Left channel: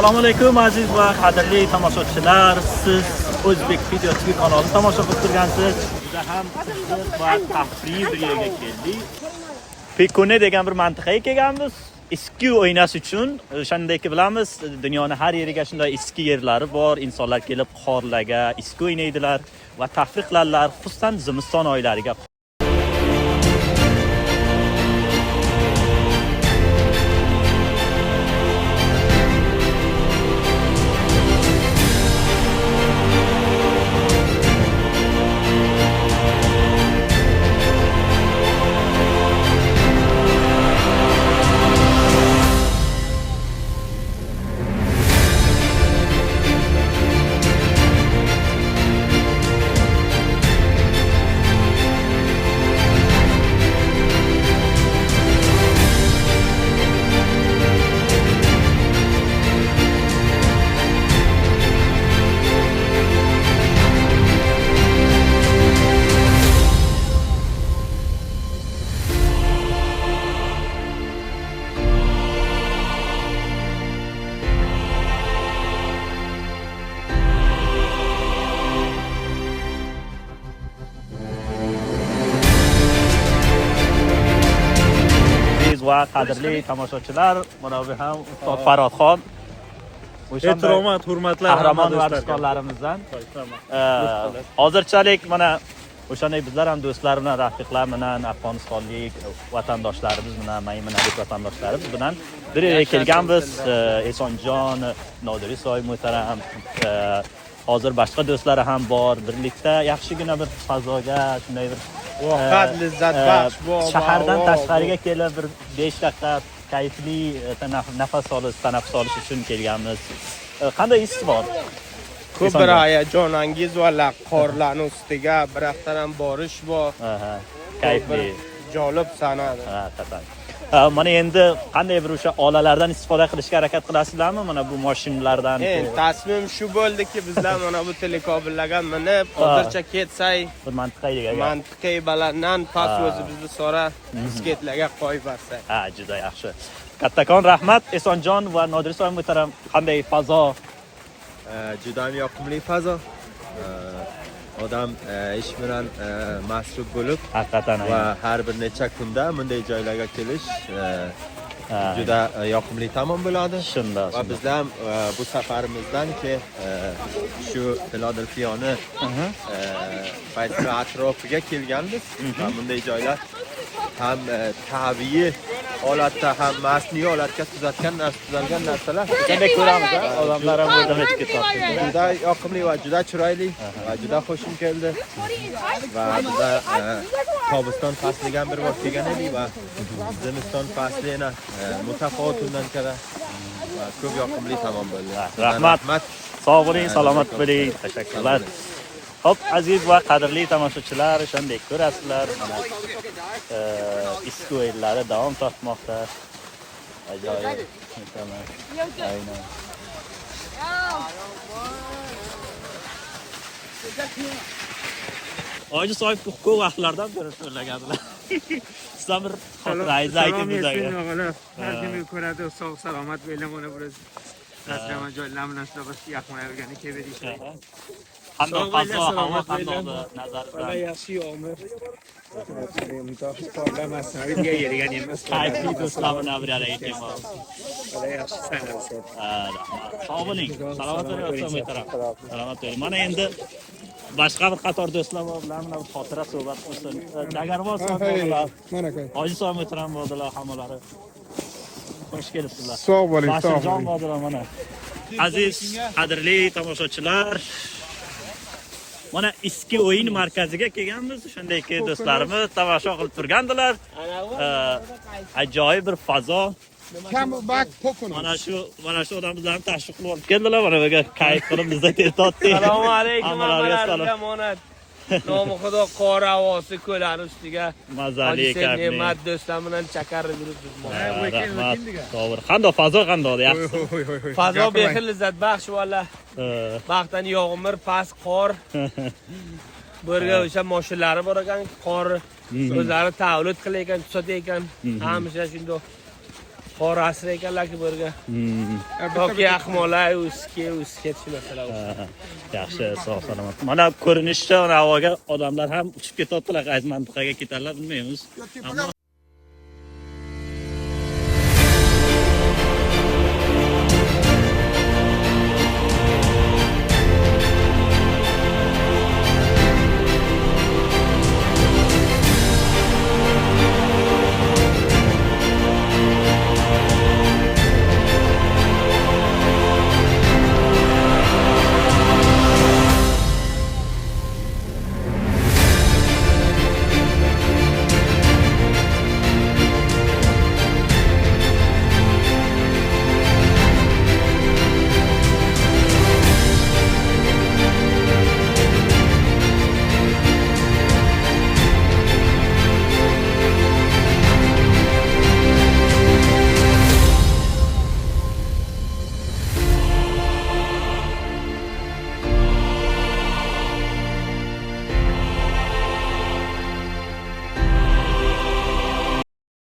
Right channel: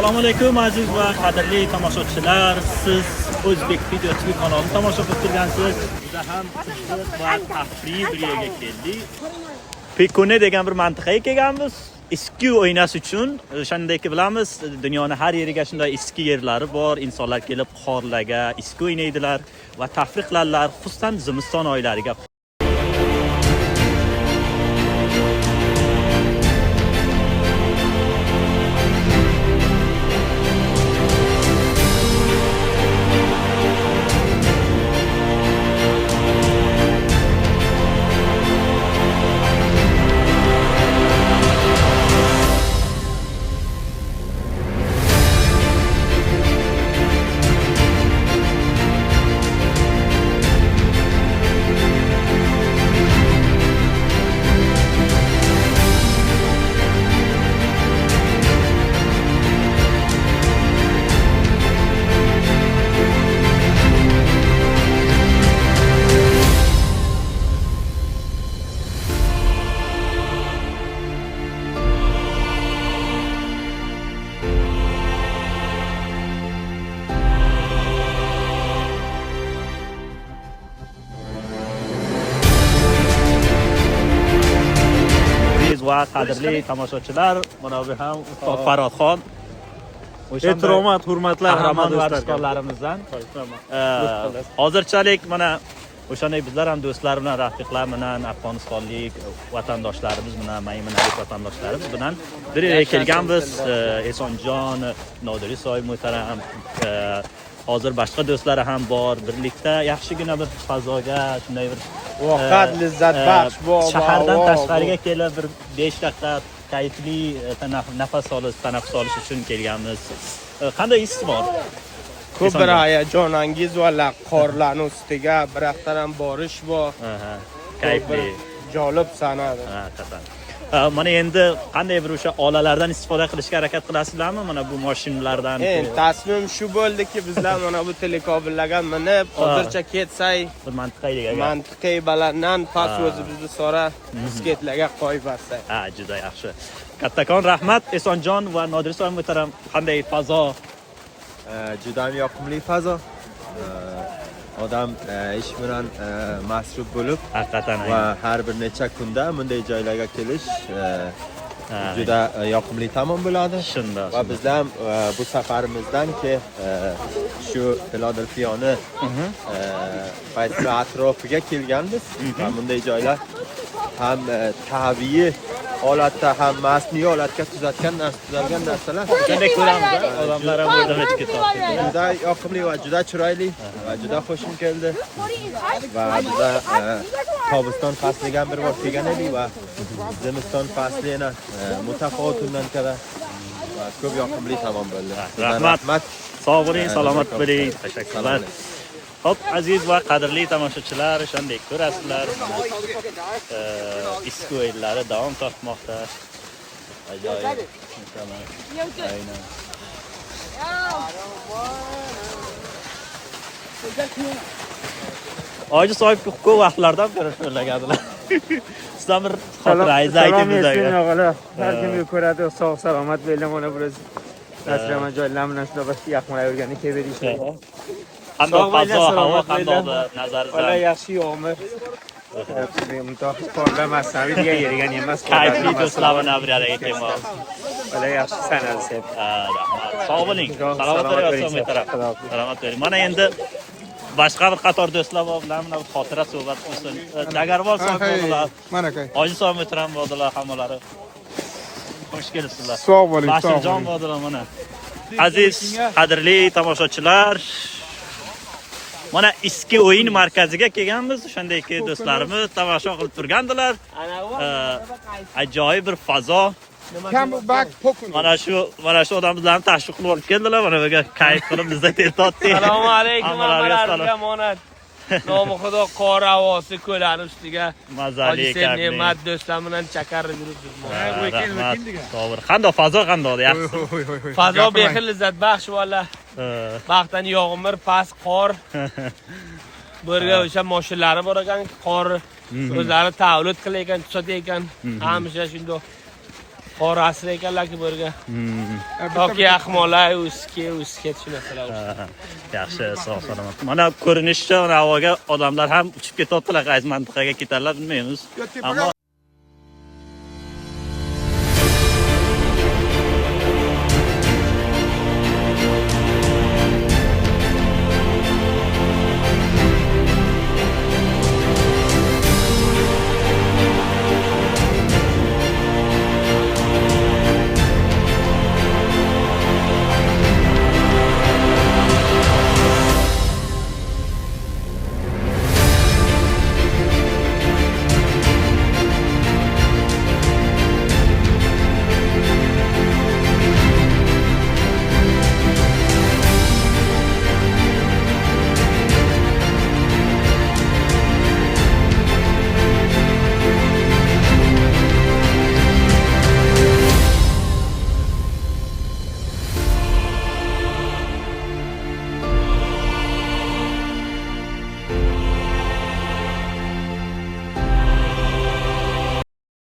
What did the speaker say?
Assalomu alaykum aziz va qadrli tomoshabchilar. Siz O'zbek Video TV kanalini tomosha qilib turgansiz. Juda ham qiziq va tafriy bir yerga keldik. Pekone degan bir mantiqaga kelganmiz. Eski o'ynash uchun, o'shandayki bilamiz, dunyoning har yeriga shunday eski yerlari bor. Insonlar kelib qorlarga eski o'ynaydilar va tafriq qilarlar, xususan zimiston oylariga. Va qadrli tomoshabchilar, mana bu ham Ustoz Farodxon. Ehtiromat, hurmatlar qahramon varishkorlarimizdan. Hozirchalik mana o'shanday bizlar ham do'stlar bilan, rafiqlar bilan, Afg'onistonlik vatandoshlarimiz bilan, maymunalik vatandoshlarimiz bilan bir yerga kelganmiz. Esonjon, Nodirisoy muhtaram, hozir boshqa do'stlari ham bor. Birlikda yaxshigina bir fazoga, shunday bir vaqt lazzat baxsh shahardan tashqariga kelib bir 5 daqiqa kayfli tanaffus olish uchun kelganmiz. Qanday his bor? Ko'p bir hayajonangiz va qorlarning ustiga bir haftadan ham borish bor. Kayfli, jolib sanadi. Haqiqatan. Mana endi qanday bir o'sha olalardan istifoda qilishga harakat qilasizlarmi? Mana bu mashinalardan. Tasmim shu bo'ldiki, bizlar mana bu telekobillarga minib, hozircha ketsak, bir mantiqaga mantiqay balanddan past o'zimizni sora bisketlarga qo'yib bersak. Juda yaxshi. Kattakon rahmat Esonjon va Nodirisoy muhtaram. Qanday fazo? Juda ham yoqimli fazo. Odam ish bilan mashg'ul bo'lib, haqiqatan va har bir necha kunda bunday joylarga kelish juda yoqimli tamom bo'ladi. Va biz ham bu safarimizdan shu Filadelfiyani qaysi atrofiga kelganmiz va bunday joylar ham tabiiy holatda ham masniy holatga tuzalgan narsalar. Qanday ko'ramiz, odamlar ham o'zini yetib ketyapti. Juda yoqimli va juda chiroyli va juda xushim keldi. Va biz Tobiston fasliga bir bor kelgan edik va zimiston faslini mutafovit undan ko'ra va ko'p yoqimli tamom bo'ldi. Rahmat. Sog' bo'ling, salomat bo'ling. Tashakkurlar. Hop, aziz va qadrli tomoshabchilar, shunday ko'rasizlar. Eski o'yinlari davom topmoqda. Ajoyib. Oji sohib ko'p vaqtlardan beri sho'rlagandilar. Sizdan bir xotirangizni aytib bersangiz. Har kimga ko'radi, sog' salomat bo'ling, mana biroz raslama joylar bilan shunday bir yaqinlayvergani keldik. Qanday fazo, havo qanday nazaringizdan? Valla yaxshi yomg'ir. Qorlar masaviy degan yerigan emas. Kayfli do'stlar bilan bir yerga kelmoq. Valla yaxshi sanasi. Rahmat. Sog' bo'ling. Salomat bo'ling, muhtaram. Salomat bo'ling. Mana endi boshqa bir qator do'stlar bilan mana xotira suhbat qilsin. Dagarvol so'z bo'ldilar. Mana kay. Hoji so'z muhtaram bo'ldilar hammalari. Xush kelibsizlar. Sog' bo'ling. Bashirjon bo'ldilar mana. Aziz, qadrli tomoshabchilar, mana eski o'yin markaziga kelganmiz. O'shandayki do'stlarimiz tomosha qilib turgandilar. Ajoyib bir fazo. Mana shu odamlarni tashviq qilib olib keldilar. Mana buga kayf qilib bizda teltotdik. Assalomu alaykum hammalarga monat. Nomi Xudo qor havosi ko'lani ustiga mazali ne'mat do'stlar bilan chakarib yuribmiz. To'g'ri. Qanday fazo qanday? Yaxshi. Fazo behil lazzat baxsh valla. Vaqtdan yog'mir, past qor. Burga o'sha mashinalari bor ekan, qor o'zlari tavlid qilar ekan, tushadi ekan. Hamisha shunday. qorasi ekanlar-ki bu yerga. Toki ahmolar, uski tushunasizlar. Yaxshi, sog' salomat. Mana ko'rinishda havoga odamlar ham uchib ketyaptilar, qaysi mintaqaga ketarlar bilmaymiz. Ammo